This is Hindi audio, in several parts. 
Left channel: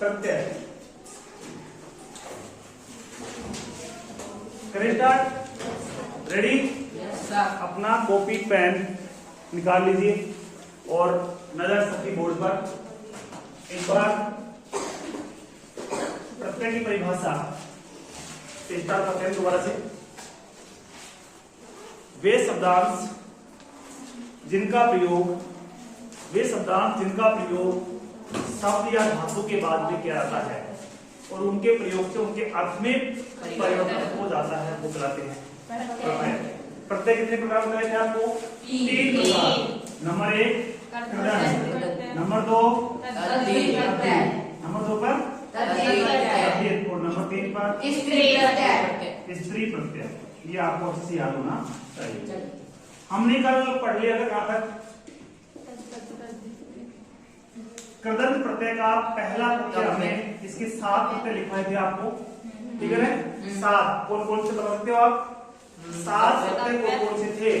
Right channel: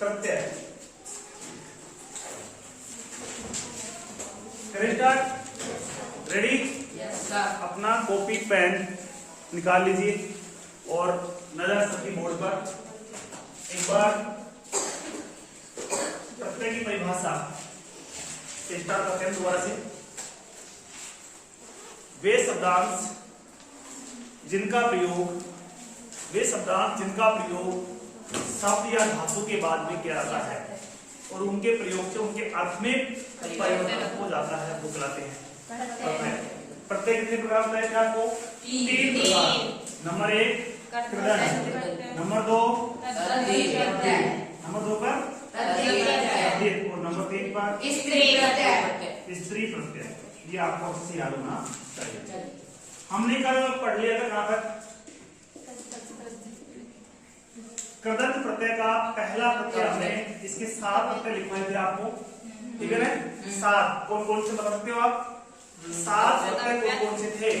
प्रत्यय। करें स्टार्ट? रेडी? अपना कॉपी पेन निकाल लीजिए और नजर सबकी बोर्ड पर एक बार प्रत्यय की परिभाषा से स्टार्ट करते हैं दोबारा से। वे शब्दांश जिनका प्रयोग शब्द या धातु के बाद भी किया जाता है और उनके प्रयोग से उनके अर्थ में परिवर्तन हो जाता है, वो कहलाते हैं प्रत्यय। प्रत्यय कितने प्रकार बताए थे आपको? 3 प्रकार। नंबर 1 नंबर 2 नंबर 2 पर और नंबर 3 पर स्त्री प्रत्यय। ये आपको अच्छे याद होना चाहिए। हमने कल पढ़ लिया था कहां तक? कृदंत प्रत्यय का पहला प्रत्यय हमने इसके 7 प्रत्यय लिखवाए थे आपको, ठीक है ना? 7 कौन कौन से बता सकते हो आप? 7 प्रत्यय कौन कौन से थे?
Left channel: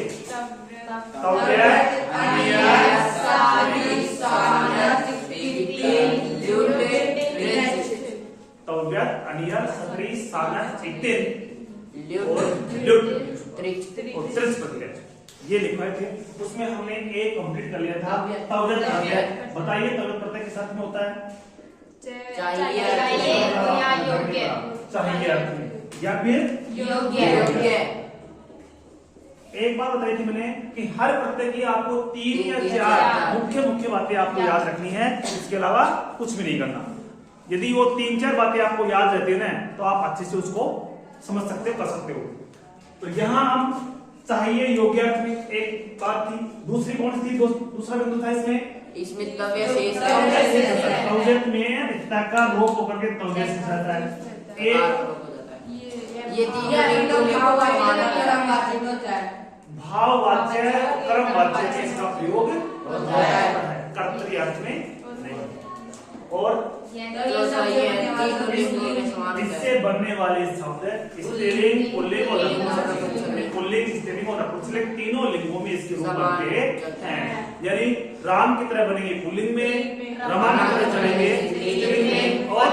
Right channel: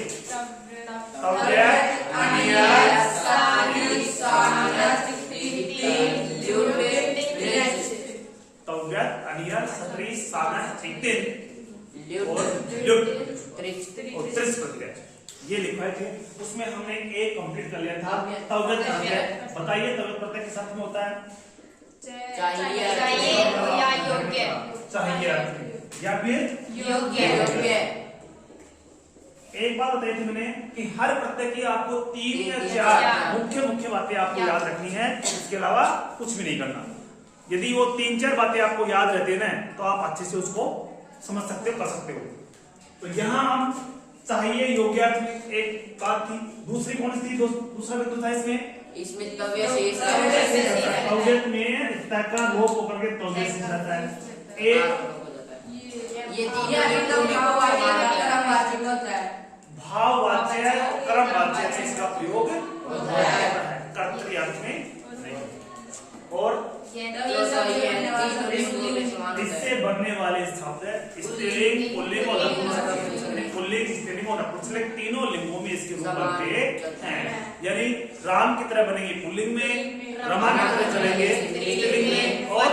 तव्यत, अनियत, सत्री, सानत, तिथि, तव्यत, अनियत, सत्री, सानत, तिथि और त्रिच प्रत्यय ये लिखवाए थे। उसमें हमने एक कंप्लीट कर लिया था तव्यत प्रत्यय। बताइए तव्यत प्रत्यय किस अर्थ में होता है? चाहिए अर्थ में या फिर योग्य। एक बात बताई थी मैंने कि हर प्रत्यय की आपको 3 या 4 मुख्य बातें आपको याद रखनी है, इसके अलावा कुछ भी नहीं करना। यदि वो 3-4 बातें आपको याद रहती है ना तो आप अच्छे से उसको समझ सकते हो, कर सकते हो। तो यहाँ हम चाहिए योग्य में एक बात थी। दूसरी कौन सी थी? दूसरा बिंदु था इसमें तव्यत में रिश्ता का लोप होकर के तव्यत से जाता है। एक भाववाच्य कर्मवाच्य में इसका प्रयोग होता है, कर्तरी अर्थ में नहीं। और इससे बनने वाले शब्द स्त्रीलिंग, पुल्लिंग और नपुंसकलिंग। पुल्लिंग, स्त्रीलिंग और नपुंसकलिंग तीनों लिंगों में इसके रूप बनते हैं। यानी राम की तरह बनेंगे पुल्लिंग में, रमा की तरह चलेंगे स्त्रीलिंग में और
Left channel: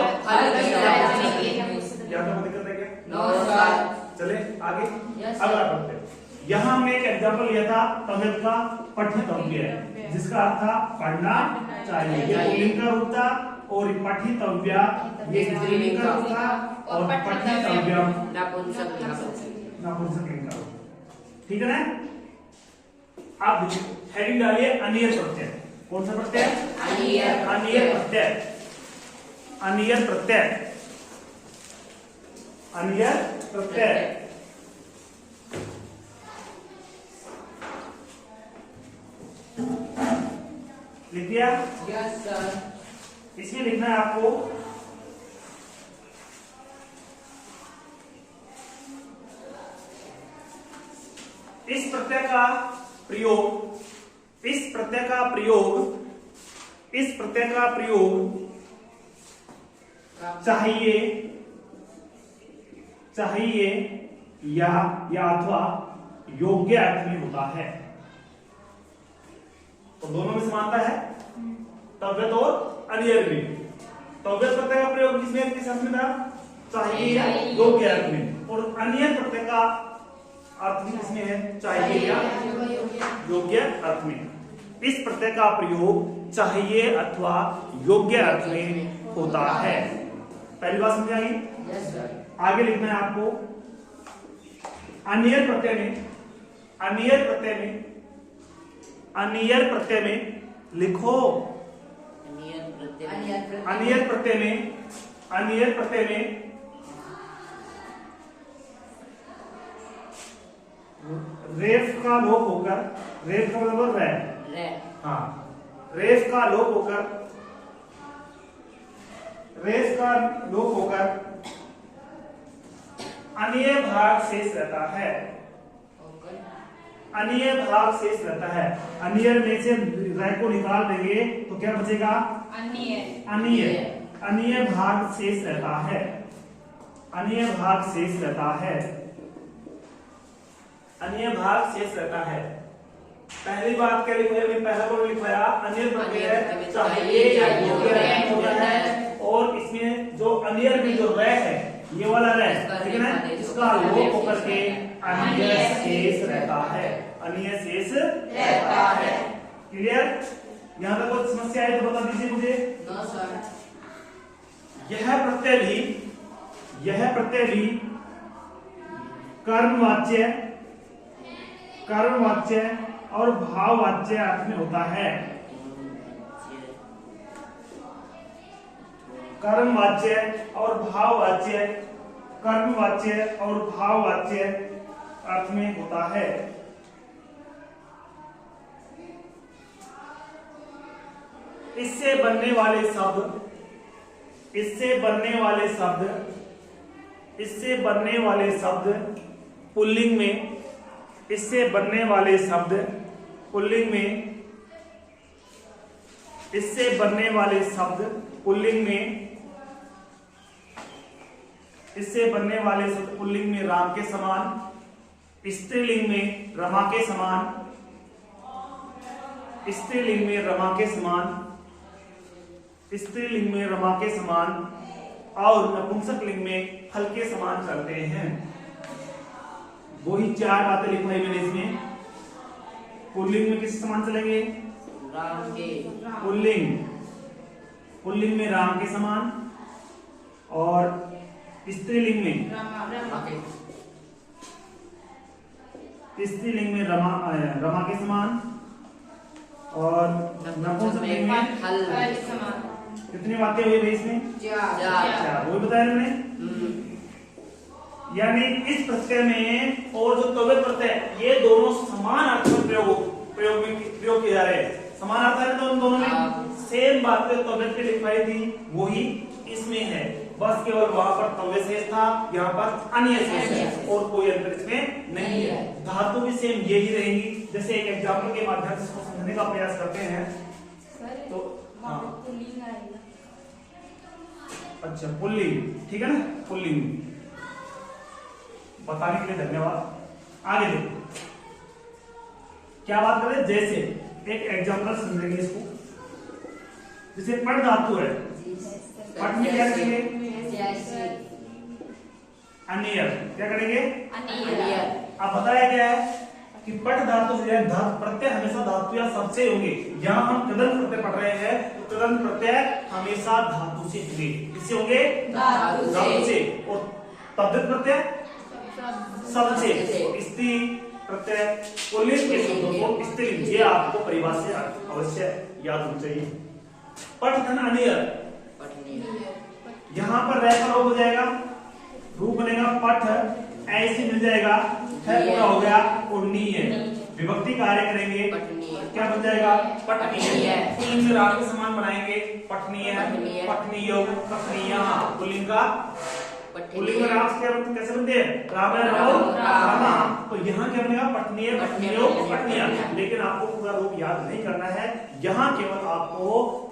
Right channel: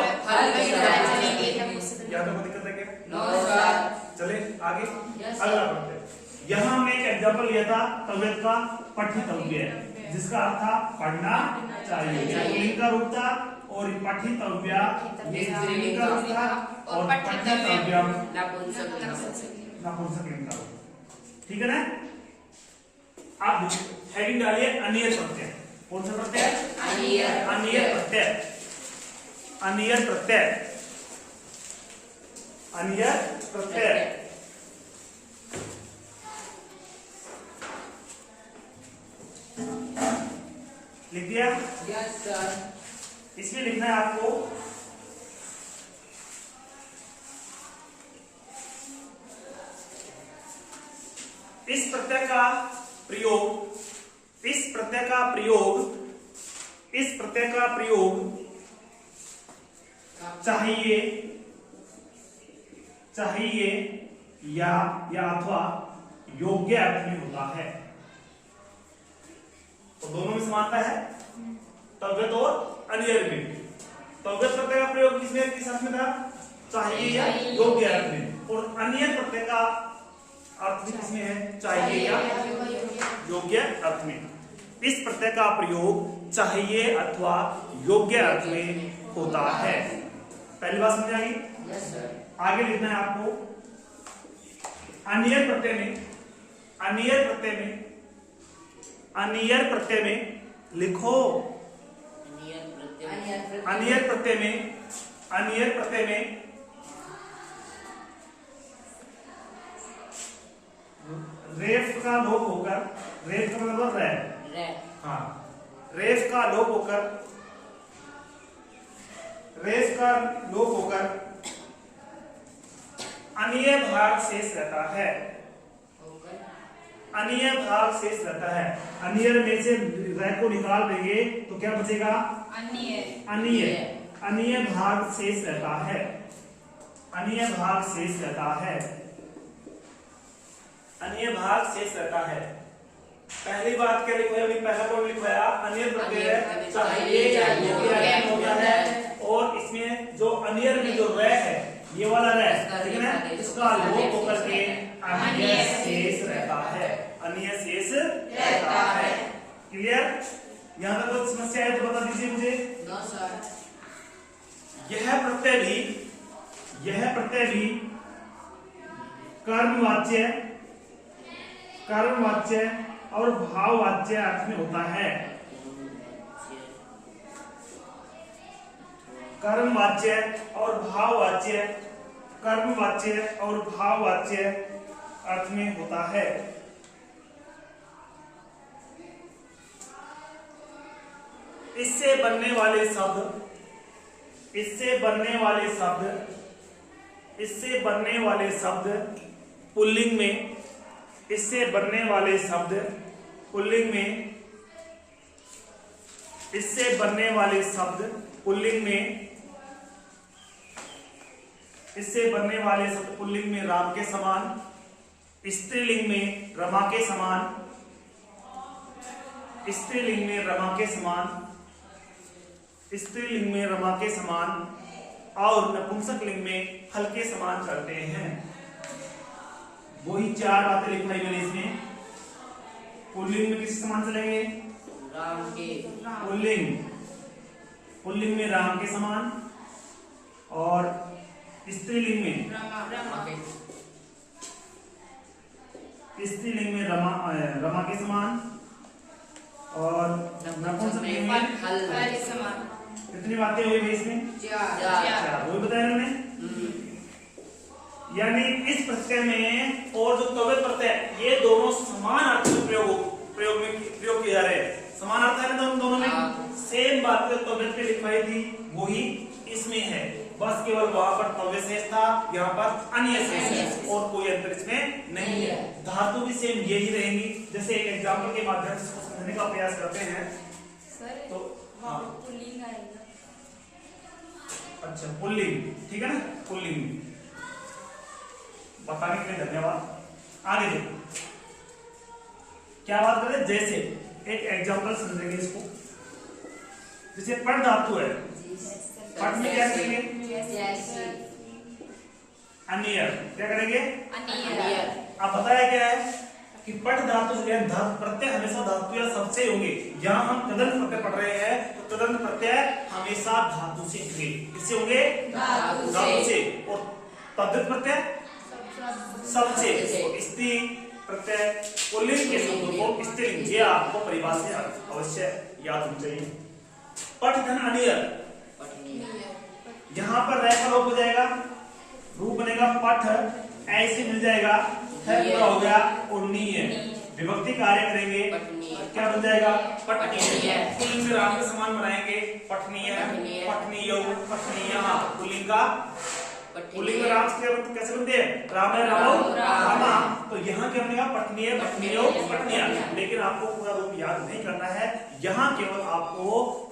क्या दिक्कत है क्या? चले आगे। अगला प्रत्यय, यहाँ हमने एक एग्जाम्पल लिया था तव्यत का पठितव्य, जिसका अर्थ था पढ़ना चाहिए। ये पुल्लिंग का रूप था और पठितव्य ये स्त्रीलिंग का रूप था और पठितव्यम नपुंसकलिंग का रूप। ठीक है ना? आप हेडिंग डालिए अनियर प्रत्यय। कौन सा प्रत्यय? अनियर प्रत्यय। अनियर प्रत्यय लिख दिया? Yes sir. इसमें लिखना है आपको इस प्रत्यय का प्रयोग चाहिए या अथवा योग्य अर्थ में होता है। तो दोनों में समानता है, तव्यत और अनियर में। तव्यत प्रत्यय का प्रयोग किस अर्थ में था? चाहिए या योग्य अर्थ में। और अनियर प्रत्यय का अर्थ किसमें है? चाहिए या योग्य अर्थ में। इस प्रत्यय का प्रयोग चाहिए अथवा योग्य अर्थ में होता है। पहली बात समझ आई? Yes sir. आगे लिखना है आपको अनियर प्रत्यय में लिखो। अनियर प्रत्यय में रेफ का लोप होकर, रेफ का मतलब रे, हाँ, रेफ का लोप होकर अनिय भाग शेष रहता है। अनियर में से रे को निकाल देंगे तो क्या बचेगा? अनिय भाग शेष रहता है। अनिय भाग शेष रहता है। पहली बात क्या लिखवाया? पहला वर्ड लिखवाया अनियर प्रत्यय चाहिए या योग्य होता है और इसमें जो अनियर में जो रे है, ये वाला रे, ठीक है ना, इसका लोप होकर के अन्य शेष रहता है, अन्य शेष रहता है। क्लियर? यहाँ तक कोई समस्या है तो बता दीजिए मुझे। No sir. यह प्रत्यय भी कर्मवाच्य और भाववाच्य अर्थ में होता है। कर्मवाच्य और भाववाच्य अर्थ में होता है। इससे बनने वाले शब्द पुल्लिंग में, इससे बनने वाले शब्द पुल्लिंग में राम के समान, स्त्रीलिंग में रमा के समान, स्त्रीलिंग में रमा के समान और नपुंसक लिंग में फल के समान करते हैं। वही 4 बातें लिखवाई मैंने इसमें। पुल्लिंग में किस समान चलेंगे? राम के। पुल्लिंग में राम के समान और स्त्रीलिंग में रमा के समान और नपुंसक लिंग में फल के समान। कितनी बातें हुई भाई इसमें? 4। वही बताया मैंने। यानी इस प्रत्यय में और जो तवे प्रत्यय, ये दोनों समान अर्थ में प्रयोग किया जा रहे हैं। समान अर्थ है दोनों में, सेम बात जो तवे पे लिखवाई थी वही इसमें है, बस केवल वहां पर तवे शेष था, यहाँ पर अन्य शेष है और कोई अंतर इसमें नहीं है। धातु भी सेम यही रहेंगी। जैसे एक एग्जाम्पल के माध्यम से इसको समझने का प्रयास करते हैं तो अच्छा, पुल्लिंग, ठीक है ना, पुल्लिंग बताने के लिए धन्यवाद। आगे देखो क्या बात करें। जैसे एक एग्जांपल समझेंगे इसको। जैसे पट धातु है, पट में क्या करेंगे? अनियर। क्या करेंगे? अब बताया गया है कि पट धातु से प्रत्यय हमेशा धातु या शब्द से होंगे। यहाँ हम तदंत प्रत्यय पढ़ रहे हैं तो तदंत प्रत्यय हमेशा धातु से होंगे। किससे होंगे? धातु से। और तद्धित प्रत्यय शब्द से। स्त्री प्रत्यय पुल्लिंग के शब्दों को स्त्रीलिंग, ये आपको परिभाषा अवश्य याद होनी चाहिए। पट धन अनियर, यहाँ पर रह का लोप हो जाएगा, रूप बनेगा पठ, ऐसे मिल जाएगा, है पूरा हो गया उन्नीय। विभक्ति कार्य करेंगे, क्या बन जाएगा? पठनीय। पुल्लिंग राम के समान बनाएंगे, पठनीय, पठनीयो, पठनीया। पुल्लिंग का पुल्लिंग राम कैसे बनते हैं? राम रामा। तो यहाँ क्या बनेगा? पठनीय, पठनीयो, पठनीया। लेकिन आपको पूरा रूप याद नहीं करना है, यहाँ केवल आपको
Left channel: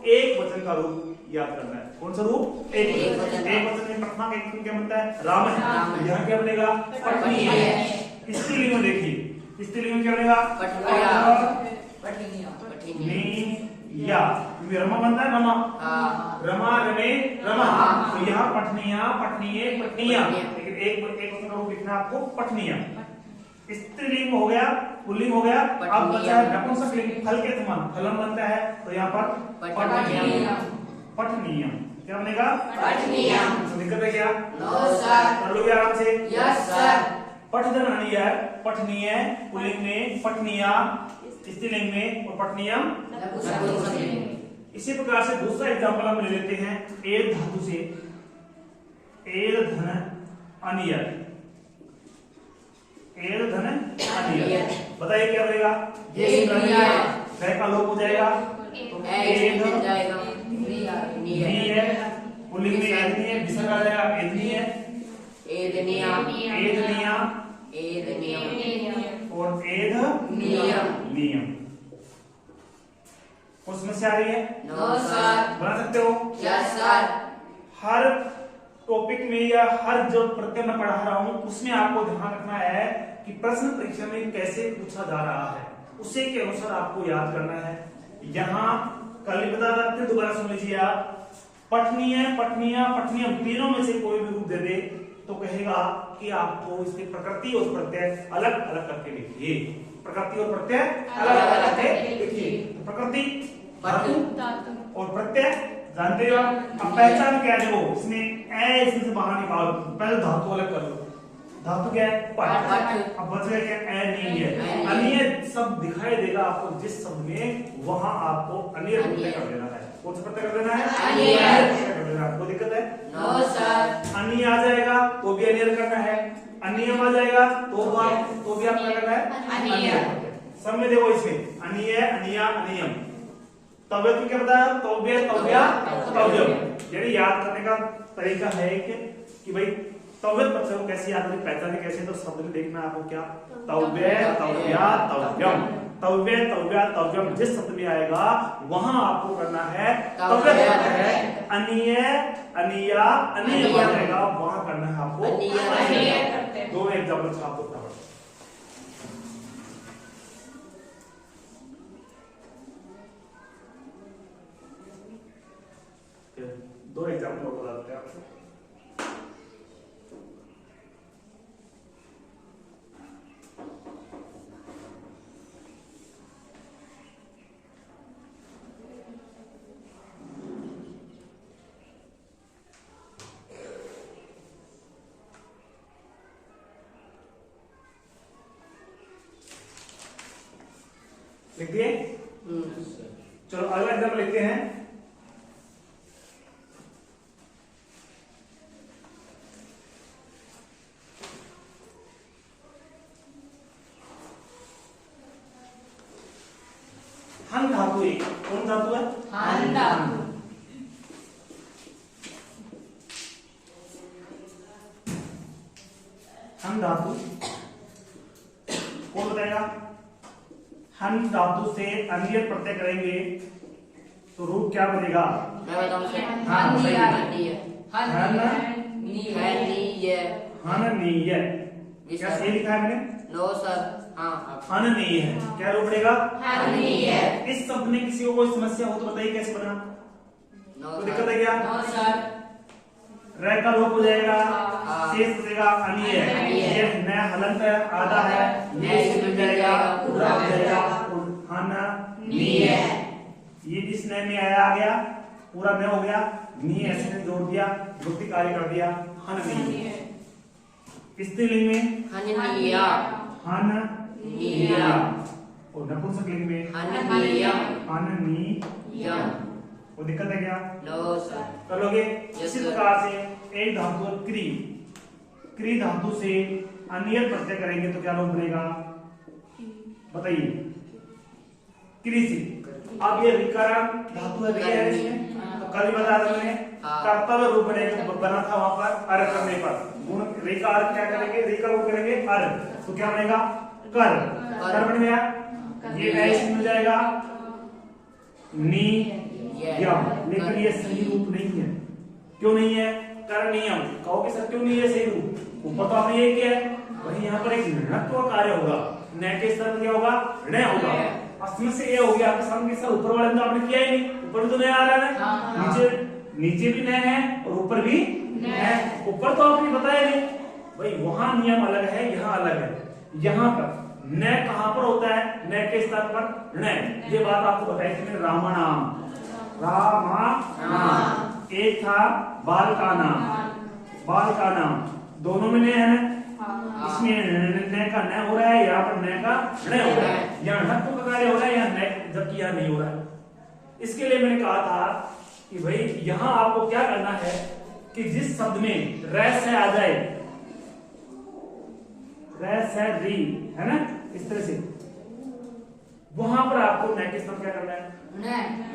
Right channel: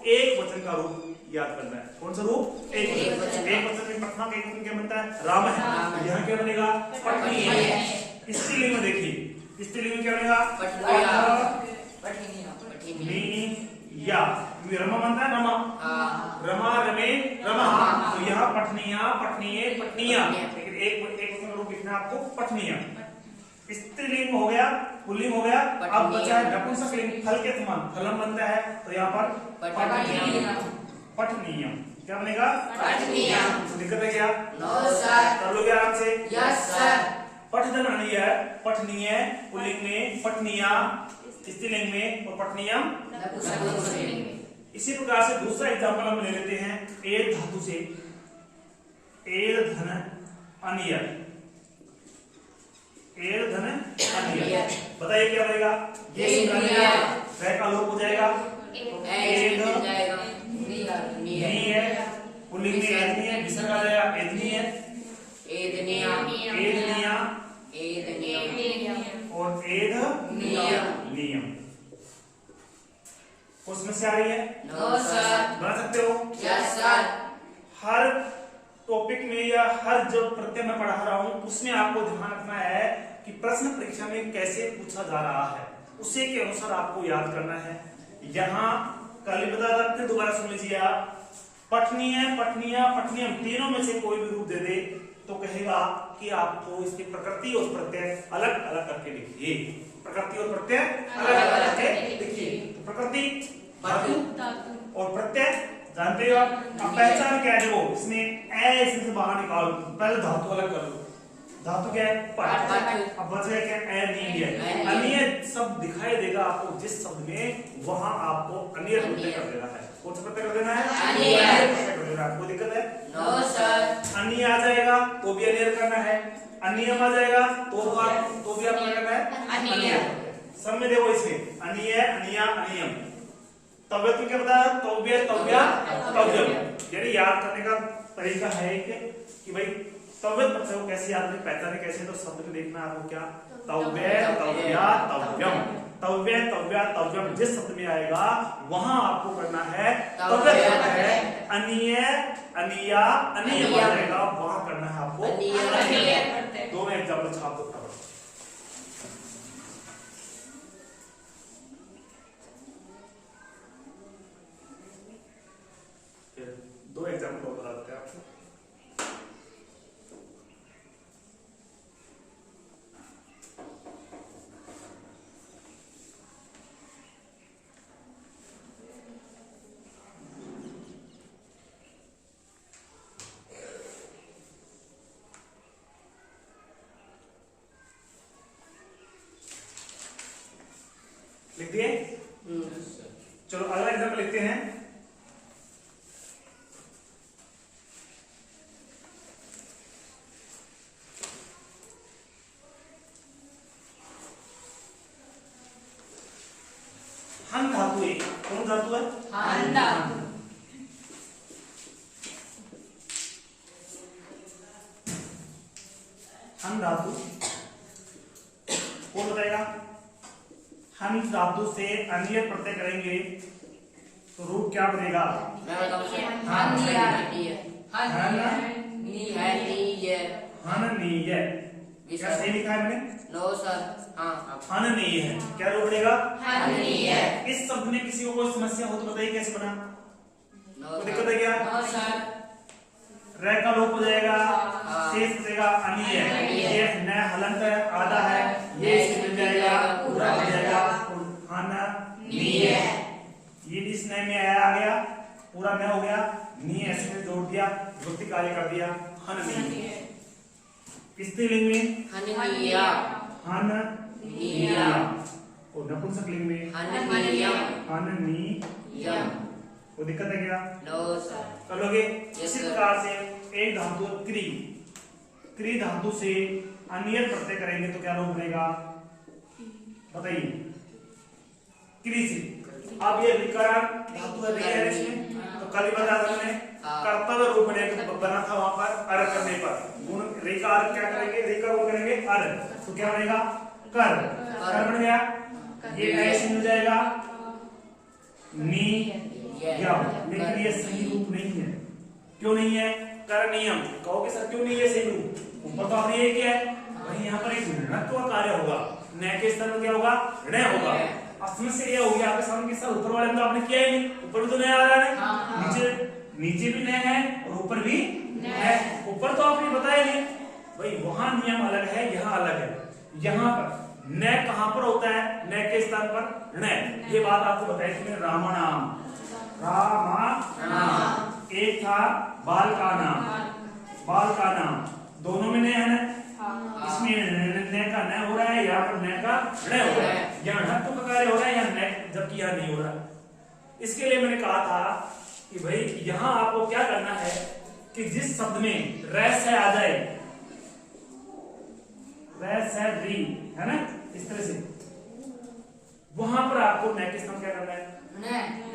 एक वचन का रूप याद करना है। कौन सा रूप? एक वचन। एक वचन में पठना का एक क्या बनता है? राम है। यहाँ क्या बनेगा? पठनीय। स्त्रीलिंग में देखिए, स्त्रीलिंग में क्या बनेगा? पठनीया। रमा बनता है रमा, रमा रमे रमा। तो यहाँ पठनीया, पठनीय, पठनीया। एक वचन का रूप लिखना आपको पठनीया। स्त्रीलिंग हो गया, पुल्लिंग हो गया। अब बचा है नपुंसक लिंग, फल के समान, फलम बनता है। तो यहाँ पर पठनीयम। क्या बनेगा? पठनीयम। तो निकल गया क्या? No sir. कर लोगे आराम से? Yes sir. पठधन अनियर, पठनीय पुल्लिंग में, पठनीया स्त्रीलिंग में और पठनीयम नपुंसक लिंग। इसी प्रकार से दूसरा एग्जाम्पल हम ले लेते हैं एद धातु से। एद धन अनियर, एद धन अनियर। बताइए क्या बनेगा? ये का लोप हो जाएगा, पुल्लिंग में एदनीय, विसर्ग आ जाएगा एदनीय, एदनिया, एदनिया, एदनियम और एद नियम। कुछ समस्या आ रही है? No sir. बना सकते हो? Yes sir. हर टॉपिक में या हर जो प्रत्यय मैं पढ़ा रहा हूं उसमें आपको ध्यान रखना है कि प्रश्न परीक्षा में कैसे पूछा जा रहा है, उसी के अनुसार आपको याद करना है। यहाँ कल बता, फिर दोबारा सुन लीजिए आप। पठनीय, पठनीय, पठनीयम तीनों में से कोई भी रूप दे दे तो कहेगा कि आपको इसकी प्रकृति और प्रत्यय अलग अलग करके लिखिए। प्रकृति और प्रत्यय अलग अलग करके लिखिए। तो प्रकृति धातु और प्रत्यय जानते हो आप। अब पहचान क्या है? देखो इसमें ए इसमें से बाहर निकालो, पहले धातु अलग करो। धातु क्या है? पठ। अब बच गया क्या? अनीय। अनीय शब्द दिखाई देगा आपको जिस शब्द में, वहां आपको अनीय प्रत्यय कर देना है। कौन सा प्रत्यय कर देना है? अनीय कर देना। कोई दिक्कत है? No sir. अनीय आ जाएगा तो भी अनीय करना है, अनियम आ जाएगा तो भी आपको क्या करना है? अनीय। सब में देखो इसमें अनीय, अनिया, अनियम। तव्यत में क्या बताया? तव्य, तव्या, तव्यम। यानी याद करने का तरीका है कि भाई तव्यत प्रत्यय को कैसे याद करें, पहचाने कैसे, तो शब्द में देखना आपको क्या? तव्य, तव्या, तव्यम। तव्य, तव्या, तव्यम जिस शब्द में आएगा वहां आपको करना है तव्यत प्रत्यय। अनीय, अनिया, अनियम आएगा वहां करना है आपको अनीय प्रत्यय। दो एग्जाम्पल छाप दो। दो एग्जाम्पल बता देते हैं आपको। लिख दिए? चलो अगला एग्जाम्पल लिखते हैं। हन धातु एक। कौन धातु है? हन धातु। हन धातु कौन बताएगा? हन धातु से अनीय प्रत्यय करेंगे तो रूप क्या बनेगा? मैं बताऊं सर। हनीय। हननीय। क्या सही लिखा है मैंने? No sir. हाँ हननीय है। क्या रूप बनेगा? हनीय। इस शब्द में किसी को कोई समस्या हो तो बताइए कैसे बना? नो कोई दिक्कत है क्या? No sir. र का लोप हो जाएगा, हाँ। शेष बचेगा अनीय। अनीय। ये न हलंत है, आधा है, ये इसमें मिल जाएगा, पूरा हो जाएगा हननीय। ये जिस न में आया आ गया, पूरा न हो गया, नी ऐसे में जोड़ दिया, वृत्ति कार्य कर दिया, हननीय। स्त्रीलिंग में हननीया। हननीया और नपुंसक लिंग में हननीयम। हननीयम। कोई दिक्कत है क्या? No sir. कर लोगे? Yes, इसी sir. प्रकार से एक धातु क्री, क्री धातु से अनियल प्रत्यय करेंगे तो क्या रूप बनेगा? बताइए। क्री से अब ये विकरण धातु है तो कल बता रहा मैंने, कर्तव्य रूप बनेगा, बना था वहां पर अर् करने पर। गुण रेखा क्या करेंगे? रेखा वो करेंगे अर्, तो क्या बनेगा? कर। कर बन गया। ये ऐसे मिल जाएगा नी यम, लेकिन ये सही रूप नहीं है। क्यों नहीं है? करनियम। कहोगे सर क्यों नहीं है सही रूप? ऊपर तो आपने ये किया है, वहीं यहाँ पर एक ऋणत्व कार्य होगा, न के स्तर में क्या होगा? ऋण होगा। अब समस्या ये होगी आपके सामने कि सर ऊपर वाले में तो आपने किया ही नहीं, ऊपर तो नहीं आ रहा है, नीचे भी न है और ऊपर भी है। ऊपर तो आपने बताया नहीं भाई, वहां नियम अलग है, यहाँ अलग है। यहाँ पर न कहां पर होता है? न के स्थान पर ऋण। ये बात आपको बताई थी रामानाम। रामा एक था बाल का नाम, बाल का नाम दोनों में न है ना? इसमें न का न हो रहा है, यहाँ पर न का ऋण हो रहा है। यहाँ ऋण का कार्य हो रहा है, यहाँ न, जबकि यहाँ नहीं हो रहा है। इसके लिए मैंने कहा था कि भाई यहाँ आपको क्या करना है कि जिस शब्द में रैस है आ जाए, रैस है री है ना, इस तरह से वहां पर आपको न के साथ क्या करना है? न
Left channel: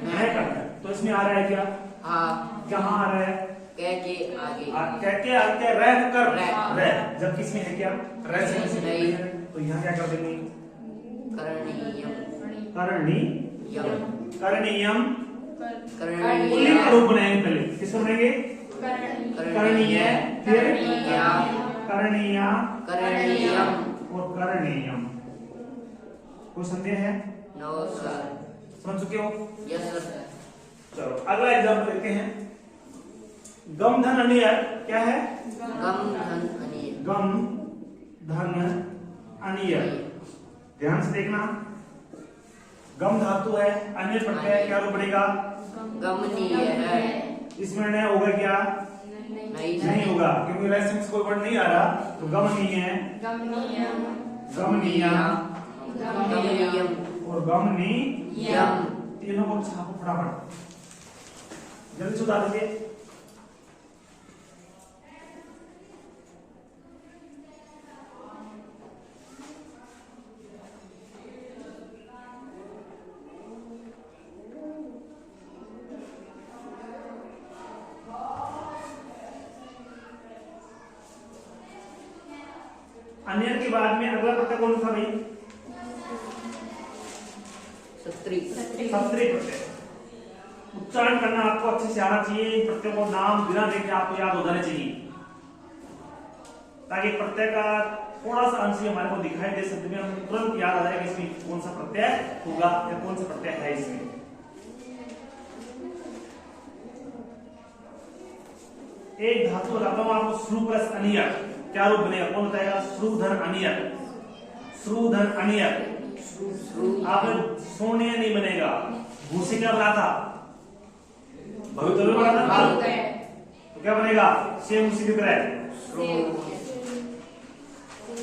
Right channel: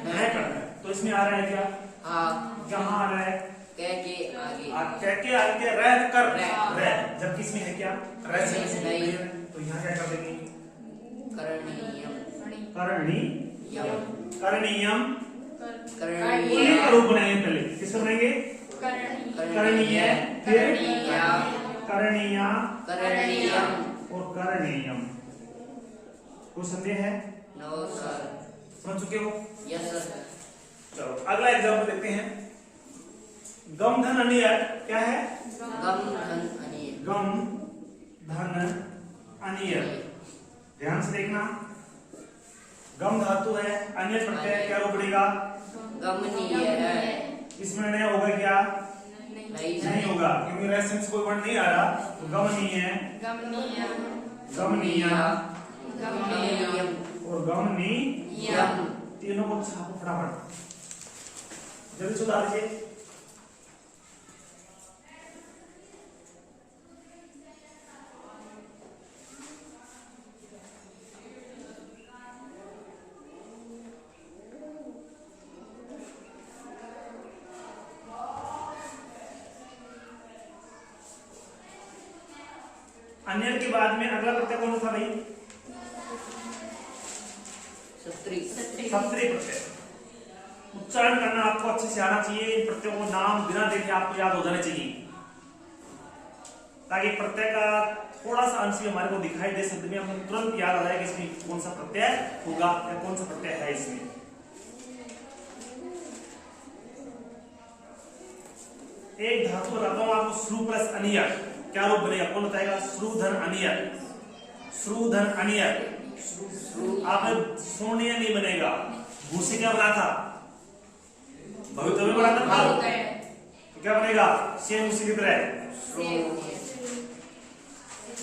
करना है। तो इसमें आ रहा है क्या? हाँ। कहाँ आ रहा है? कह के आगे। कह के आगे रह कर रह, जबकि इसमें है क्या? रह से नहीं। तो यहाँ क्या कर देंगे? करणीयम। करणीयम। करणीयम करणीय। पुल्लिंग का रूप बनाएंगे पहले। किसको बनाएंगे? करणीय, फिर करणीया करणीयम और करणीयम। कोई संदेह है? No sir. समझ चुके हो? Yes sir. चलो अगला एग्जाम्पल लेते हैं। गम धन अनियर क्या है? गम धन अनिय गम धन अनियर। ध्यान से देखना, गम धातु है, अनियर प्रत्यय है, क्या रूप बनेगा? गमनीय है। इसमें न होगा क्या? नहीं होगा, क्योंकि रेसेंस कोई वर्ड नहीं आ रहा, तो गमनीय है, गमनीय गमनीयम और गमनी यम। तीनों को छापो फटाफट, जल्दी से उतार दीजिए। अन्य के बाद में अगला प्रत्यय कौन सा भाई? सत्री सत्री प्रत्यय। उच्चारण करना आपको अच्छे से आना चाहिए, इन प्रत्ययों को नाम बिना देखे आपको याद हो जाने चाहिए, ताकि प्रत्यय का थोड़ा सा अंश भी हमारे को दिखाई दे सकते हैं, हमें तुरंत याद आ जाएगा इसमें कौन सा प्रत्यय होगा या कौन सा प्रत्यय है इसमें। एक धातु लगाता हूं आपको, श्रु प्लस अनियर, क्या रूप बनेगा? कौन बताएगा? श्रुधन अनियर, श्रुधन अनियर। आपने सोनिया नहीं बनेगा, भूसे क्या बना था? भवितव्य बना था, तो क्या बनेगा? सेम उसी की तरह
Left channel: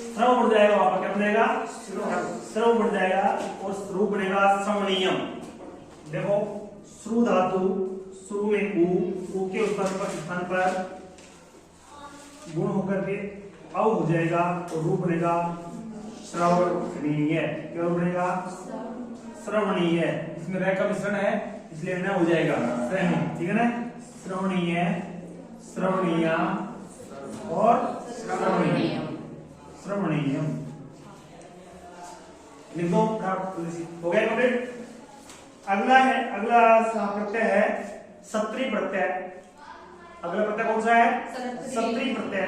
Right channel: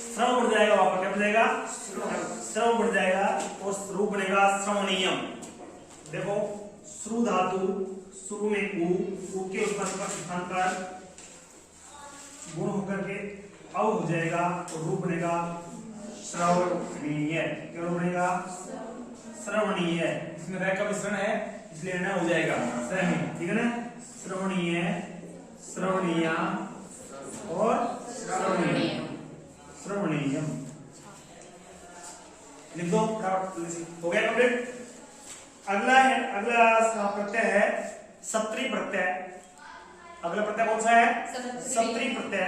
श्रव बढ़ जाएगा, वहां पर क्या बन जाएगा? श्रव बढ़ जाएगा और रूप बनेगा श्रवणीयम। देखो, श्रु धातु, श्रु में उ के स्थान पर गुण होकर के अव हो जाएगा और रूप बनेगा श्रवणीय। क्या बनेगा? श्रवणीय। इसमें रह का मिश्रण है, इसलिए न हो जाएगा श्रवणीय, ठीक है ना? श्रवणीय, श्रवणीय और श्रवणीय, श्रवणीयम लिख दो। हो गया कंप्लीट। अगला है, अगला प्रत्यय है सत्री प्रत्यय। अगला प्रत्यय कौन सा है? सत्री प्रत्यय।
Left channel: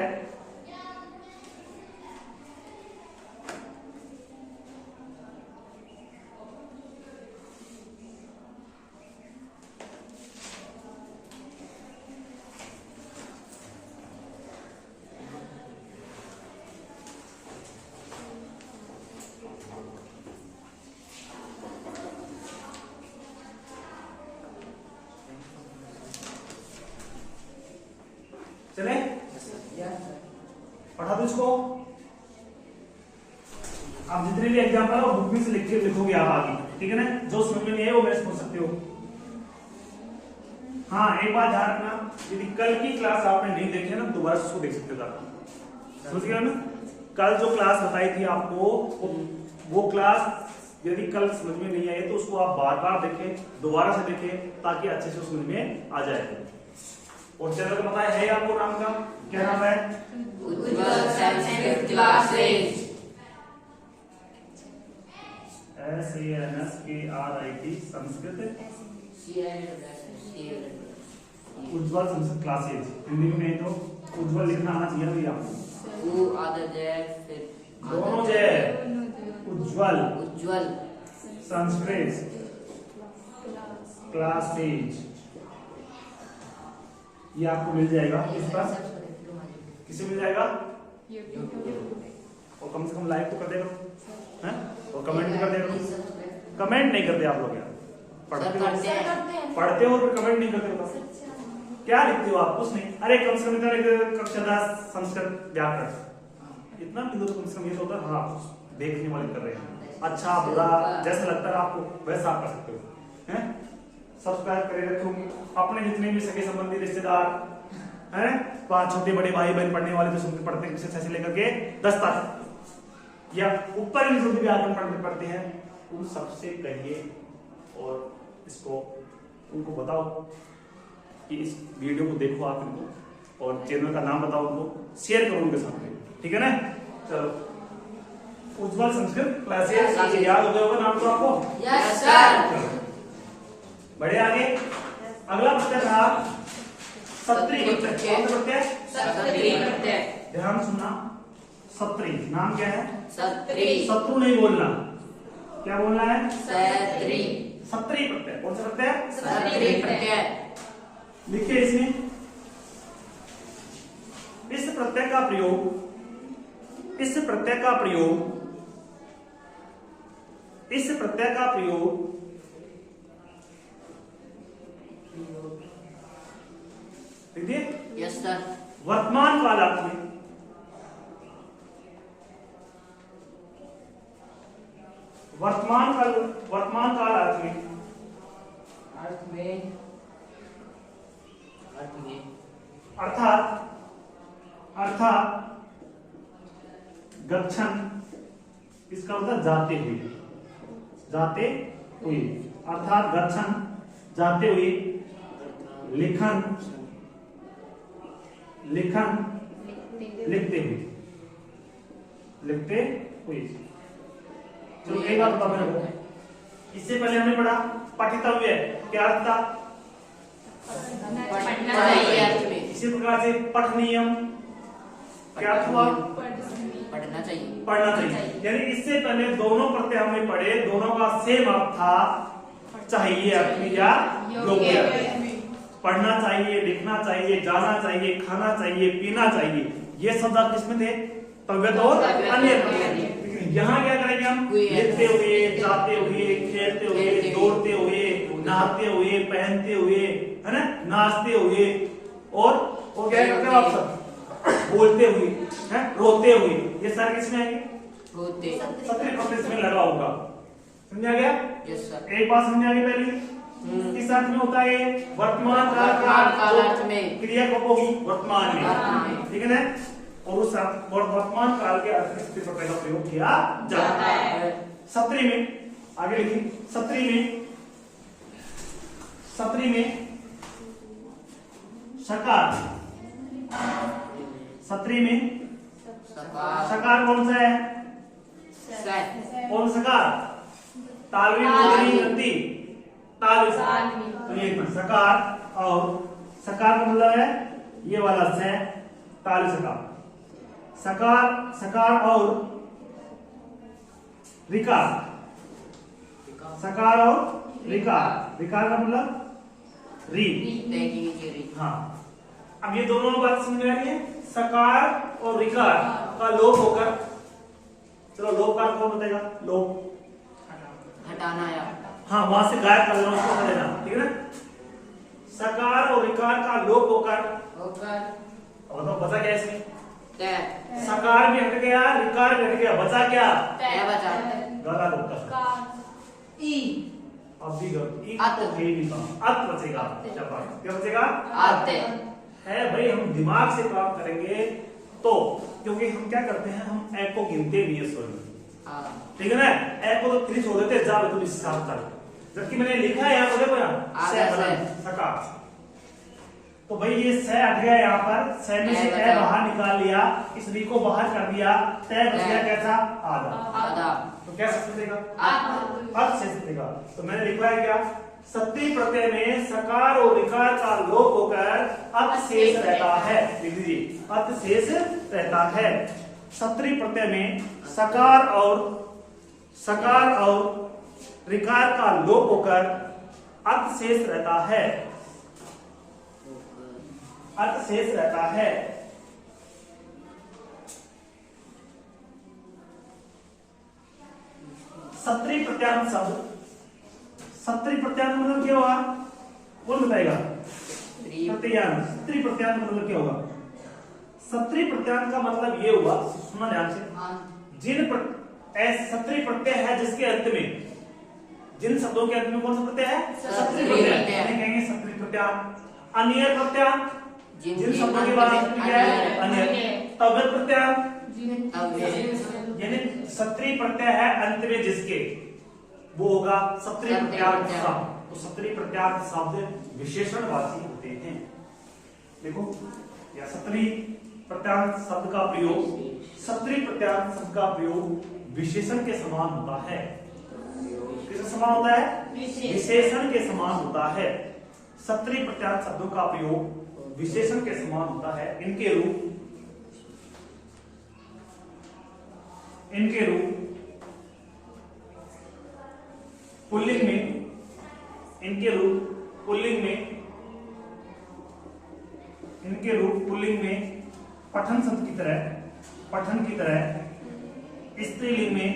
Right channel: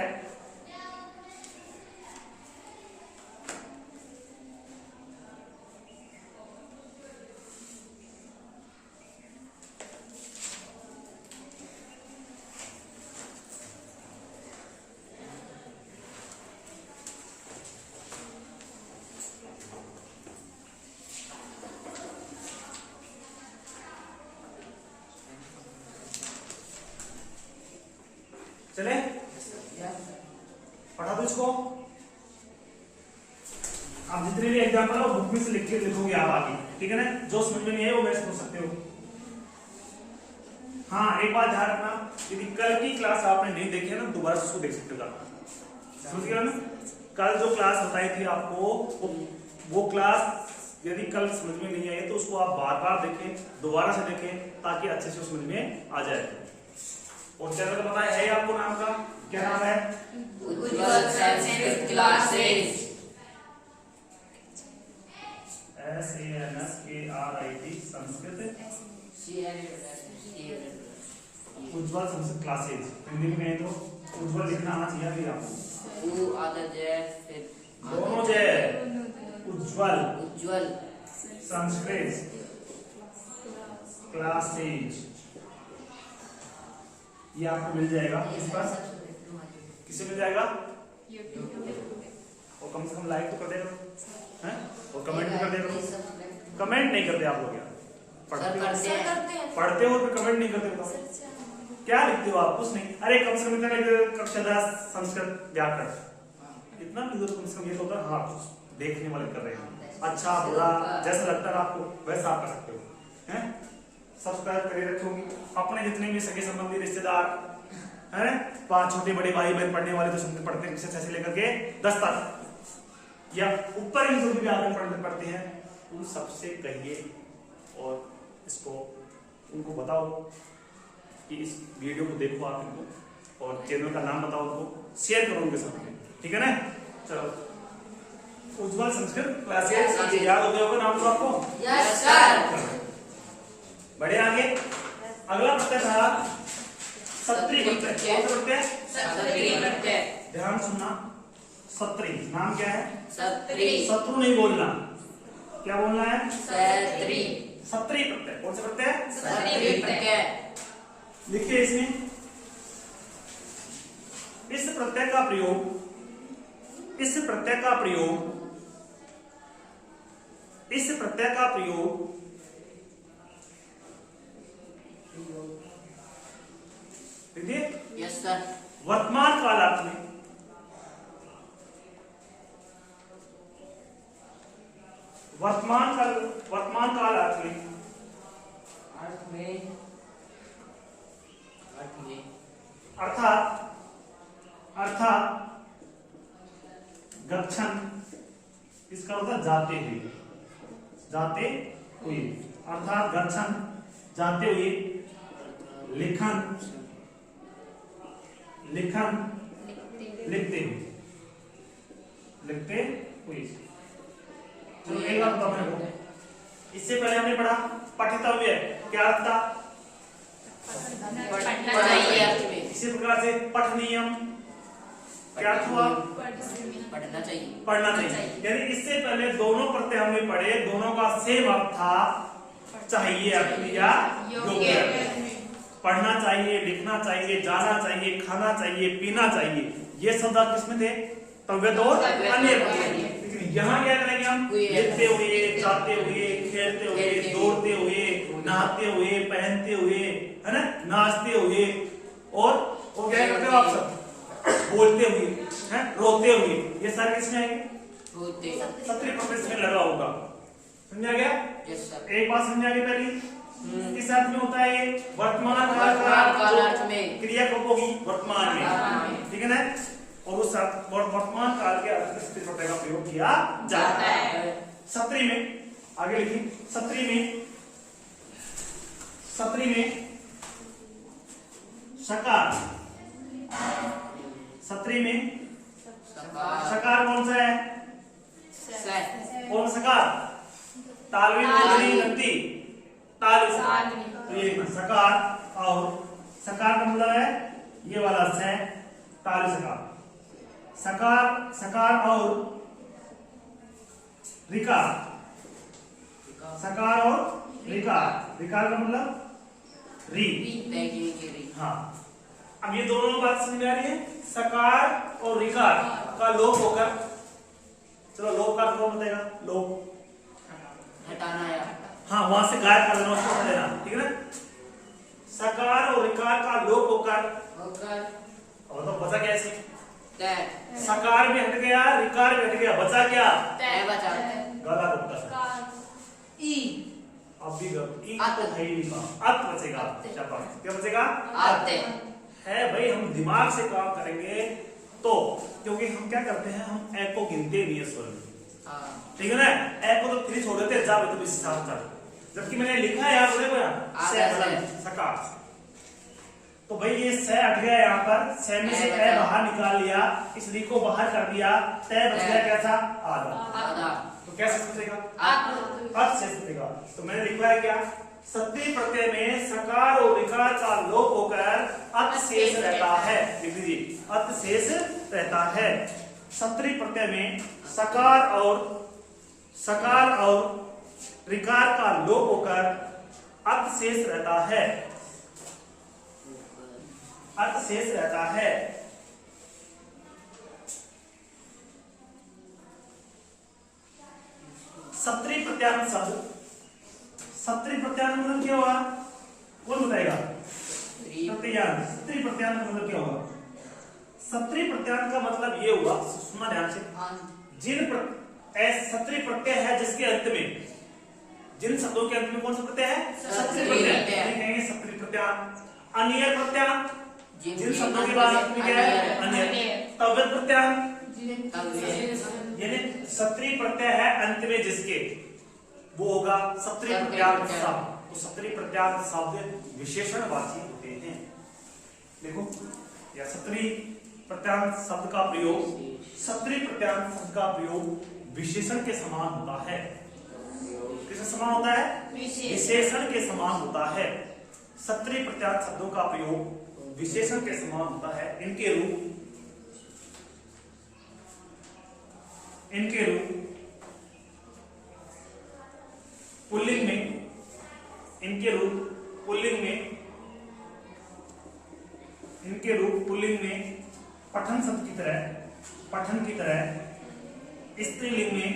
चले पढ़ा दो इसको। आप जितने भी एग्जाम्पल है वो बुक में से लिख के लिखोगे आप आगे, ठीक है ना? जो समझ में नहीं है वो मेरे से पूछ सकते हो। हाँ, एक बात ध्यान रखना, यदि कल की क्लास आपने नहीं देखी है ना, दोबारा से उसको देख सकते हो। समझ गया ना? कल जो क्लास बताई थी आपको, वो क्लास यदि कल समझ में नहीं आई तो उसको आप बार बार देखें, दोबारा से देखें, ताकि अच्छे से समझ में आ जाए। और चैनल का पता है आपको नाम का? क्या नाम है? उज्ज्वल संस्कृत क्लासेस। SANSKRIT संस्कृत, उज्ज्वल संस्कृत क्लासेज। हिंदी में नहीं तो उज्ज्वल लिखना आना चाहिए अभी आपको। आदर जय, फिर दोनों जय। उज्ज्वल, उज्ज्वल संस्कृत क्लासेज, ये आपको मिल जाएगा इस पर। किसे मिल जाएगा? और कम से कम लाइक तो कर दे करो, हैं? और कमेंट भी कर दे करो। कमेंट नहीं करते आप लोग यार, पढ़ते हो फिर कमेंट नहीं करते हो, क्या लिखते हो आप? कुछ नहीं। अरे कम से कम इतना लिख दो, कक्षा 10 संस्कृत व्याकरण, इतना लिख दो तो कम से कम ये तो होता है हाँ कुछ देखने वाले कर रहे हैं। अच्छा बुरा जैसा लगता है आपको वैसा आप कर सकते हो, हैं? सब्सक्राइब करे रखो अपने जितने भी सगे संबंधी रिश्तेदार हैं, 5 छोटे बड़े भाई बहन पढ़ने वाले जो पढ़ते हैं से लेकर के 10 तक या ऊपर जो भी व्याकरण पढ़ते हैं, उन सबसे कहिए और इसको उनको बताओ कि इस वीडियो को देखो आप उनको, और चैनल का नाम बताओ उनको, शेयर करो उनके साथ में, ठीक है ना? चलो, उज्ज्वल संस्कृत क्लासेस याद हो गया होगा नाम तो आपको? Yes sir. बढ़े आगे। अगला प्रत्यय था सत्री प्रत्यय। कौन सा प्रत्यय? सत्री प्रत्यय। ध्यान सुनना, सत्री नाम क्या है? सत्री। शत्रु नहीं बोलना, क्या बोलना है? सत्री। सत्री प्रत्यय। कौन सा प्रत्यय? सत्री प्रत्यय। लिखिए इसमें का प्रयोग देखिए यस सर वर्तमान कालार्थ में वर्तमान कालार्थ में अर्थ में अर्थात गच्छन, इसका मतलब जाते हुए, अर्थात गच्छन जाते हुए, लिखन लिखते हुए। चलो एक बात बताओ मेरे को, इससे पहले हमने पढ़ा पठितव्य, क्या अर्थ था? अर्थ में इसी प्रकार से पठनीयम, क्या अर्थ हुआ? पढ़ना चाहिए। यानी इससे पहले दोनों प्रत्यय हमने पढ़े, दोनों का सेम अर्थ था, चाहिए अर्थ या योग्य अर्थ। पढ़ना चाहिए, लिखना चाहिए, जाना चाहिए, खाना चाहिए, पीना चाहिए, ये शब्द किसमें थे? तव्यत और अन्य प्रत्यय। यहाँ क्या करेंगे हम? लिखते हुए, जाते हुए, खेलते हुए, दौड़ते हुए, नहाते हुए, पहनते हुए, है ना, नाचते हुए, और क्या करते हो आप सब? बोलते हुए, है, रोते हुए, ये सारे किसमें आएंगे? सत्री प्रत्यय में लगा होगा। समझा गया? यस सर एक बात समझ आ गई पहली, किस अर्थ में होता है? वर्तमान काल में क्रिया कब होगी? वर्तमान में, ठीक है ना? और उस वर्तमान काल के अर्थ में सत्री प्रत्यय का प्रयोग किया जाता है। सत्री में आगे लिखिए, सत्री में सकार, सत्री में सकार कौन सा है? कौन सकार? तालवी मूर्धनी गति, ताल से। तो ये सकार, और सकार का मतलब है ये वाला से, ताल सकार, सकार और रिकार, सकार और रिकार का मतलब री। हाँ, अब ये दोनों बात समझ में आ रही है? सकार और रिकार का लोप होकर, चलो लोप का कौन बताएगा? लोप हटाना या हाँ, वहां से गायब कर देना, उसको कर देना, ठीक है ना? सकार और रिकार का लोप होकर, अब तो बचा क्या इसमें? सकार भी हट गया, रिकार भी हट गया, बचा क्या? बचा गला होता ई, अब भी ई तो है ही नहीं, अत बचेगा। क्या बचेगा? है भाई, हम दिमाग से काम करेंगे तो, क्योंकि हम क्या करते हैं, हम ए को गिनते नहीं है स्वर में, ठीक है ना? ए को तो फिर छोड़ देते, जा तुम इस साथ कर, जबकि मैंने लिखा है यहाँ, सकार, तो भाई ये स हट गया, यहाँ पर स में से ए बाहर निकाल लिया, इस री को बाहर कर दिया, तय बच गया कैसा? आधा। तो क्या शेष बचेगा? अर्थ शेष बचेगा। तो मैंने लिखा है क्या? सत्री प्रत्यय में सकार और विकार का लोप होकर अर्थ शेष रहता है। लिख दीजिए, अर्थ शेष रहता है। सत्री प्रत्यय में सकार और विकार का लोप होकर अर्थ शेष रहता है, अर्थ शेष रहता है। सत्री प्रत्यांत शब्द, सत्री प्रत्यांत मतलब क्या होगा? कौन बताएगा? प्रत्यांत, सत्री प्रत्यांत मतलब क्या होगा? सत्री प्रत्यांत का मतलब ये हुआ, सुनना ध्यान से, जिन सत्री प्रत्यय है जिसके अंत में, जिन शब्दों के अंत में कौन सा प्रत्यय है? सत्री प्रत्यय। कहेंगे सत्री प्रत्यांत। अन्य प्रत्यांत, जिन शब्दों के बाद क्या है? अन्य। तव्यत प्रत्यांत, यानी सत्री प्रत्यय है अंत में जिसके, वो होगा सत्री प्रत्यांत शब्द। तो सत्री प्रत्यांत शब्द विशेषणवाची होते हैं। देखो, या सत्री प्रत्यांत शब्द का प्रयोग, सत्री प्रत्यांत शब्द का प्रयोग विशेषण के समान होता है। किसके समान होता है? विशेषण के समान होता है। सत्री प्रत्यांत शब्दों का प्रयोग विशेषण के समान होता है। इनके रूप पुल्लिंग में, इनके रूप पुल्लिंग में पठन शब्द की तरह, पठन की तरह स्त्रीलिंग में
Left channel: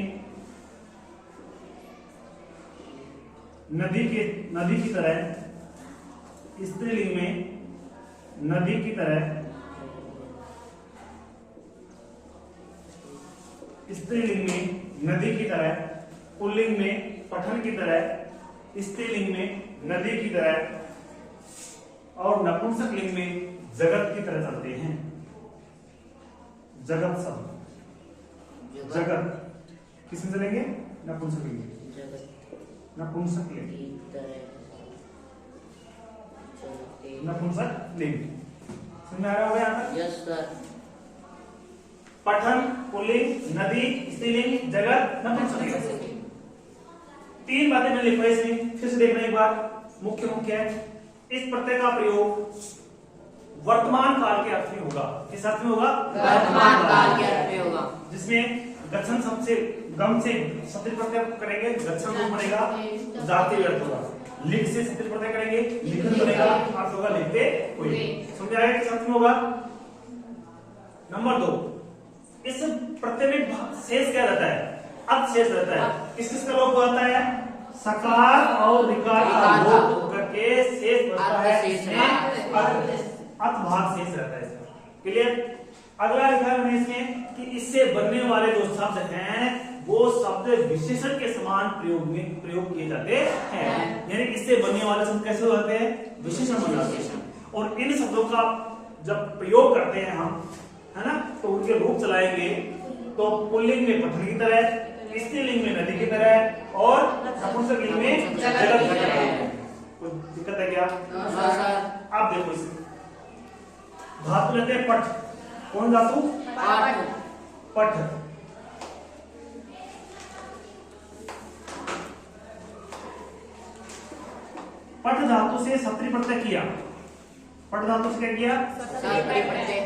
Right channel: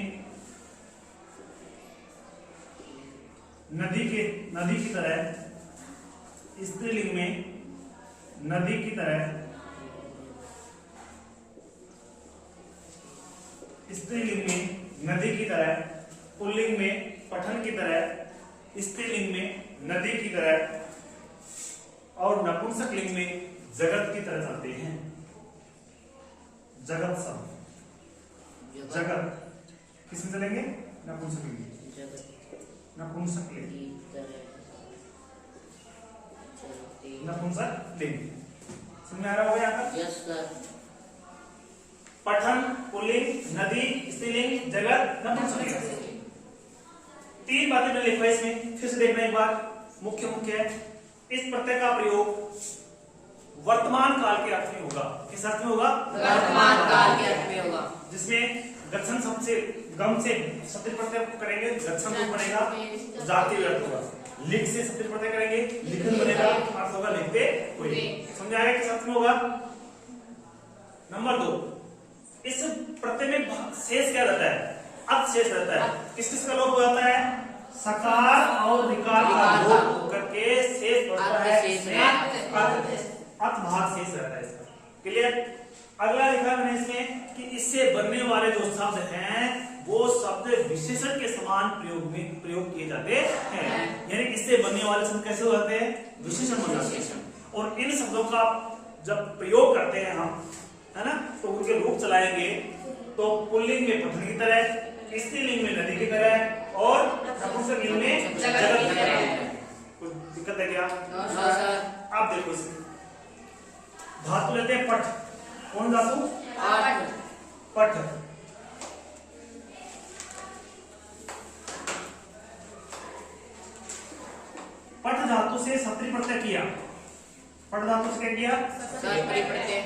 नदी की तरह, स्त्रीलिंग में नदी की तरह, स्त्रीलिंग में नदी की तरह, पुल्लिंग में पठन की तरह, स्त्रीलिंग में नदी की तरह और नपुंसक लिंग में जगत की तरह चलते हैं। जगत शब्द, जगत किसमें चलेंगे? नपुंसक लिंग, नपुंसक लिंग, नपुंसक लिंग। समझ आ रहा होगा यहाँ तक? Yes sir. पठन, पुल्लिंग, नदी, स्त्रीलिंग, जगत, नपुंसक लिंग। 3 बातें मैंने लिखवाई इसमें, फिर से देखना एक बार। मुख्य है इस प्रत्यय का प्रयोग वर्तमान काल के अर्थ में होगा। किस अर्थ में होगा? वर्तमान काल के अर्थ में होगा। जिसमें गच्छन शब्द से, गम से शब्द प्रत्यय करेंगे, गच्छन रूप बनेगा, जाति अर्थ होगा। लिख से शब्द प्रत्यय करेंगे, लिखन बनेगा, अर्थ होगा लिखते हुए। समझ आया किस अर्थ में होगा? नंबर 2, इस प्रत्यय में शेष क्या रहता है? अर्थ शेष रहता है। किस किस का लोप हो जाता है? सकार और रिकार का लोप होकर के शेष बचता है, अर्थ भाग शेष रहता है इसका। क्लियर? अगला लिखा है मैंने इसमें कि इससे बनने वाले जो शब्द हैं वो शब्द विशेषण के समान प्रयोग किए जाते हैं। यानी इससे बनने वाले शब्द कैसे हो जाते हैं? विशेषण बन जाते हैं। और इन शब्दों का जब प्रयोग करते हैं हम, है ना, तो उनके रूप चलाएंगे तो पुल्लिंग में पठन की तरह, स्त्रीलिंग में नदी की तरह और नपुंसक लिंग में जगत की तरह। कोई दिक्कत है क्या? आप देखो इसमें धातु लेते हैं पठ। कौन धातु? पठ। पठ धातु से सत्री प्रत्यय किया। पठ धातु से क्या किया?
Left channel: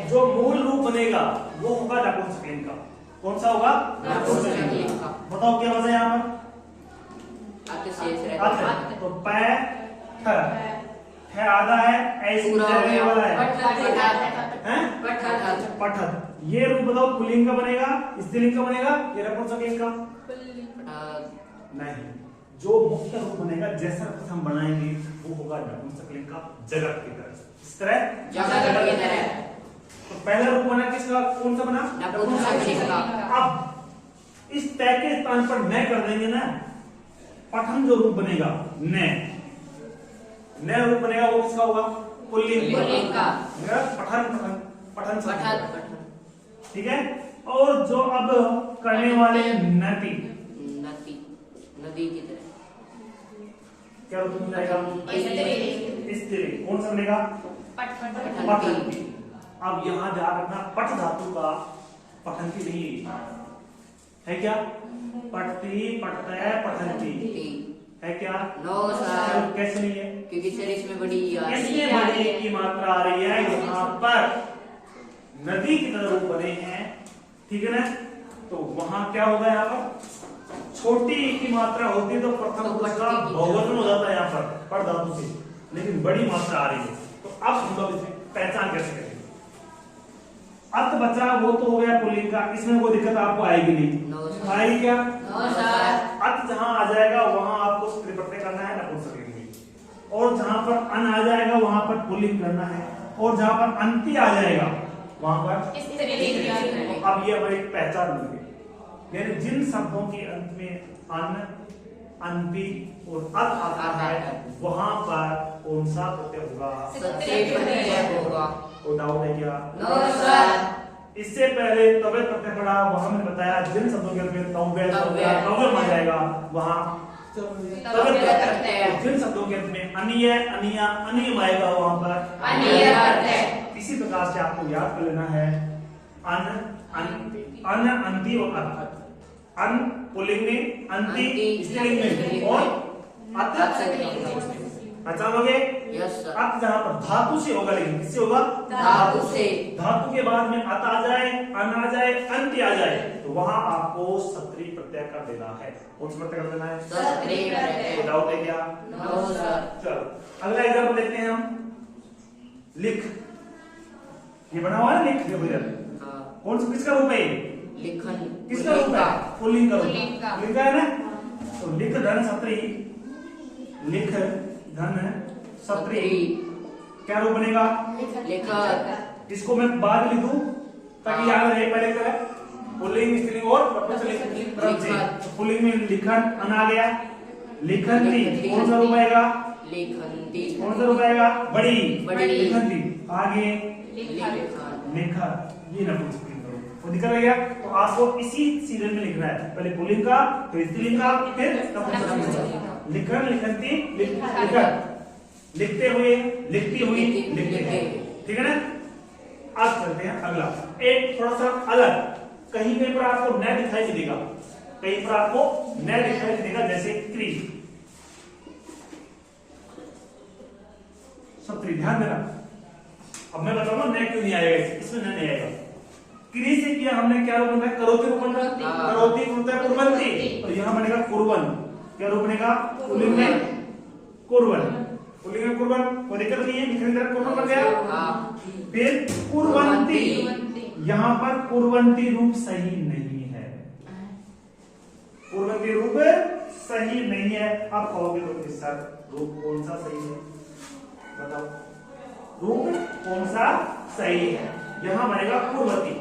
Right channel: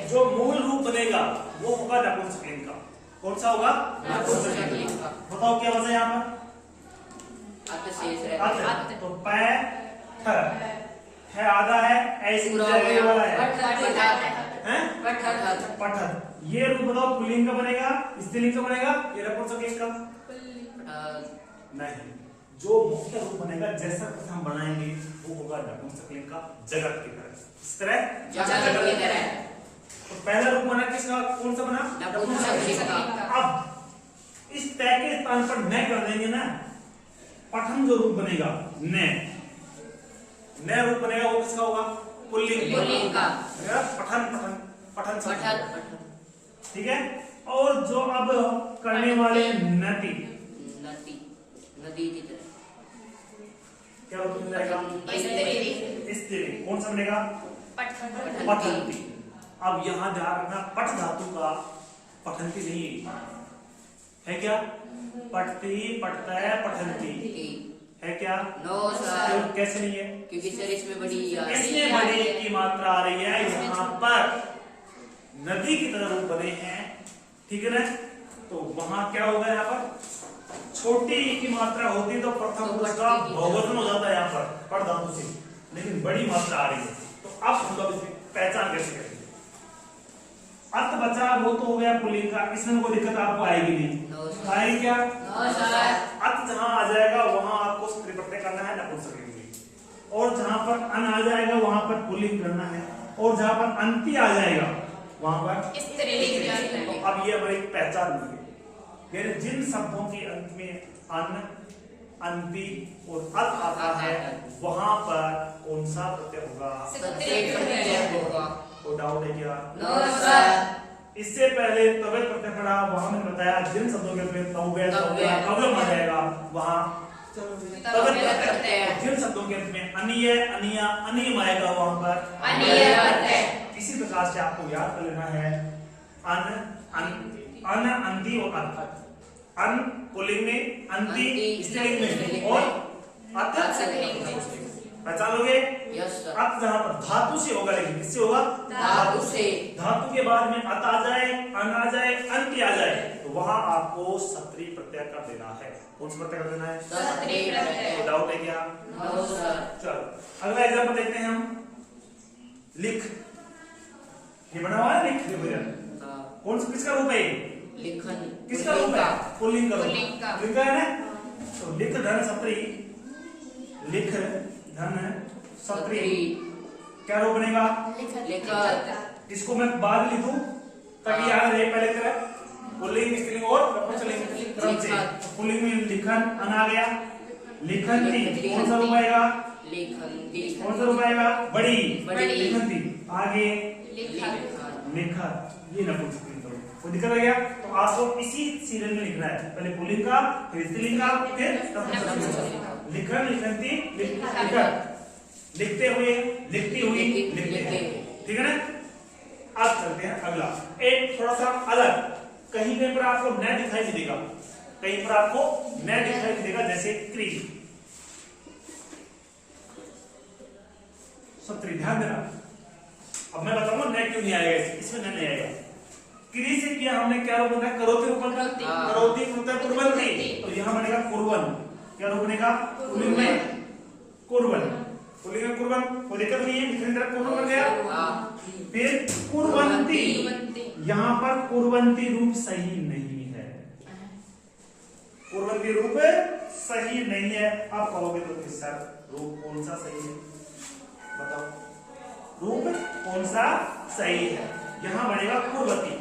जो मूल रूप बनेगा वो होगा नपुंसक लिंग का। कौन सा होगा? नपुंसक लिंग का। बताओ क्या वजह यहाँ पर? तो पै ठ है, आधा है, ऐसी जगह वाला है, पठत। ये रूप बताओ पुल्लिंग का बनेगा, स्त्रीलिंग का बनेगा, ये नपुंसक लिंग का? नहीं, जो मुख्य रूप बनेगा जैसा हम बनाएंगे वो होगा नपुंसक लिंग का, जगत की तरह। इस तरह जगत की तरह। तो पहला रूप बना किसका? कौन सा बना? नपुंसक लिंग का। अब इस तय के स्थान पर न कर देंगे ना, पठन जो रूप बनेगा न रूप बनेगा वो किसका होगा? पुल्लिंग का। पठन ठीक है। और जो अब करने वाले नदी की तरह क्या रूप बनेगा? स्त्रीलिंग। कौन सा बनेगा? पठन। अब यहाँ ध्यान रखना, पठ धातु का पठन की नहीं है क्या? पठती, पठता, पठंती है क्या? No sir. तो कैसे नहीं है? क्योंकि सर इसमें बड़ी की मात्रा आ रही है यहाँ पर, नदी की तरह रूप बने हैं, ठीक है ना? तो वहां क्या होगा? यहाँ पर छोटी की मात्रा होती है तो प्रथम पुरुष का बहुवचन हो जाता है यहाँ पर पठ धातु से, लेकिन बड़ी मात्रा आ रही है। तो अब हम लोग इसमें पहचान कैसे करेंगे? अर्थ बचा वो तो हो गया पुल्लिंग का, इसमें कोई दिक्कत आपको आएगी नहीं। आएगी क्या? अर्थ जहां आ जाएगा वहां आपको स्त्री प्रत्यय करना है, नपुंसक लिंग में। और जहां पर अन आ जाएगा वहां पर पुल्लिंग करना है, और जहां पर अंति आ जाएगा वहां पर स्त्रीलिंग। तो अब ये अब एक पहचान होगी, यानी जिन शब्दों के अंत में अन, अंति और अर्थ आता है वहां पर कौन सा प्रत्यय होगा? कोई डाउट है क्या? No sir. इससे पहले तवे प्रत्यय पढ़ा, वहां मैंने बताया जिन शब्दों के अंत तवे आ जाएगा वहां तवे प्रत्यय। जिन शब्दों के अंत में अनिय, अनिया, अनियम आएगा वहां पर अनिय प्रत्यय। इसी प्रकार से आपको याद कर लेना है अन, अंति और अर्थ। अन पुल्लिंग में, अंति स्त्रीलिंग में और अर्थ पहचान लोगे? Yes sir. अर्थ जहां पर धातु से होगा, लेकिन किससे होगा? धातु से। धातु के बाद में अत आ जाए, अन आ जाए, अंत आ जाए तो वहां आपको सत्री प्रत्यय कर देना है। कौन सा प्रत्यय कर देना है? सत्री प्रत्यय। डाउट है क्या? No sir. चलो अगला एग्जांपल देखते हैं हम। लिख ये बना हुआ है लिख, देखो इधर कौन सा किसका रूप है ये? लिखन किसका रूप है? पुल्लिंग का रूप। पुल्लिंग का। लिखा है ना, तो लिख धन सत्री, लिख धन सत्री क्या रूप बनेगा? लिखत इसको मैं बाद में लिखूं ताकि याद रहे, पहले तरह पुल्लिंग स्त्रीलिंग और नपुंसकलिंग क्रम से। तो पुल्लिंग में लिखन अन आ गया, लिखंती कौन सा रूप आएगा? लिखंती कौन सा रूप आएगा? बड़ी बड़ी। लिखंती। आगे लिखन लिखत, ये नपुंसकलिंग का रूप। वो दिक्कत आ गया, तो आपको इसी सीरियल में लिखना है, पहले पुल्लिंग का, फिर स्त्रीलिंग का, फिर नपुंसकलिंग का। लिखन लिखंती लिखत, लिखते हुए, लिखती हुई, लिखते हैं, ठीक है ना। अब चलते हैं अगला, एक थोड़ा सा अलग, कहीं कहीं पर आपको न दिखाई देगा, कहीं पर आपको न दिखाई देगा, जैसे क्री। सब ध्यान देना, अब मैं बताऊंगा न क्यों नहीं आएगा, इसमें न नहीं आएगा। क्री से किया हमने क्या रूप बना? करोति रूप बना, करोति होता है कुर्वन्ति, तो यहाँ बनेगा कुर्वन। क्या रूप बनेगा? पुल्लिंग में कुर्वन, पुल्लिंग में कुर्वन, वो दिक्कत नहीं है, लिखने तरह कुर्वन बन गया। फिर कुर्वन्ती, यहाँ पर कुर्वन्ती रूप सही नहीं है, कुर्वन्ती रूप सही नहीं है। आप कहोगे तो सर रूप कौन सा सही है, बताओ रूप कौन सा सही है? यहाँ बनेगा कुर्वती,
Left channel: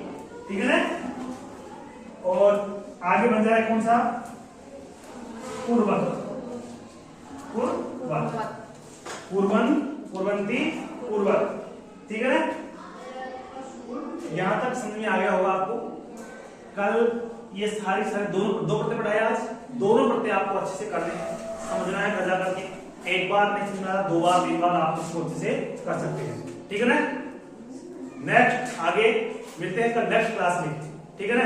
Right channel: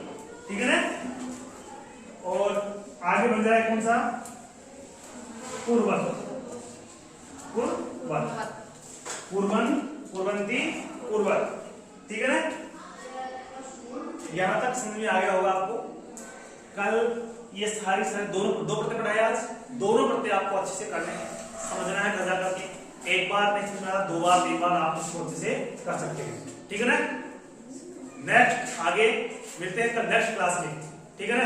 ठीक है ना। और आगे बन जाए कौन सा? कुर्वत, कुर्वत, कुर्वन, कुर्वन्ती, कुर्वत, ठीक है ना। यहां तक समझ में आ गया होगा आपको। कल ये सारे दो प्रत्यय पढ़ाए, आज दोनों प्रत्यय आपको अच्छे से करने समझना है, गजा करके। एक बार नहीं समझना, 2 बार 3 बार आप इसको अच्छे से कर सकते हैं, ठीक है ना। नेक्स्ट आगे मिलते हैं कल नेक्स्ट क्लास में, ठीक है ना।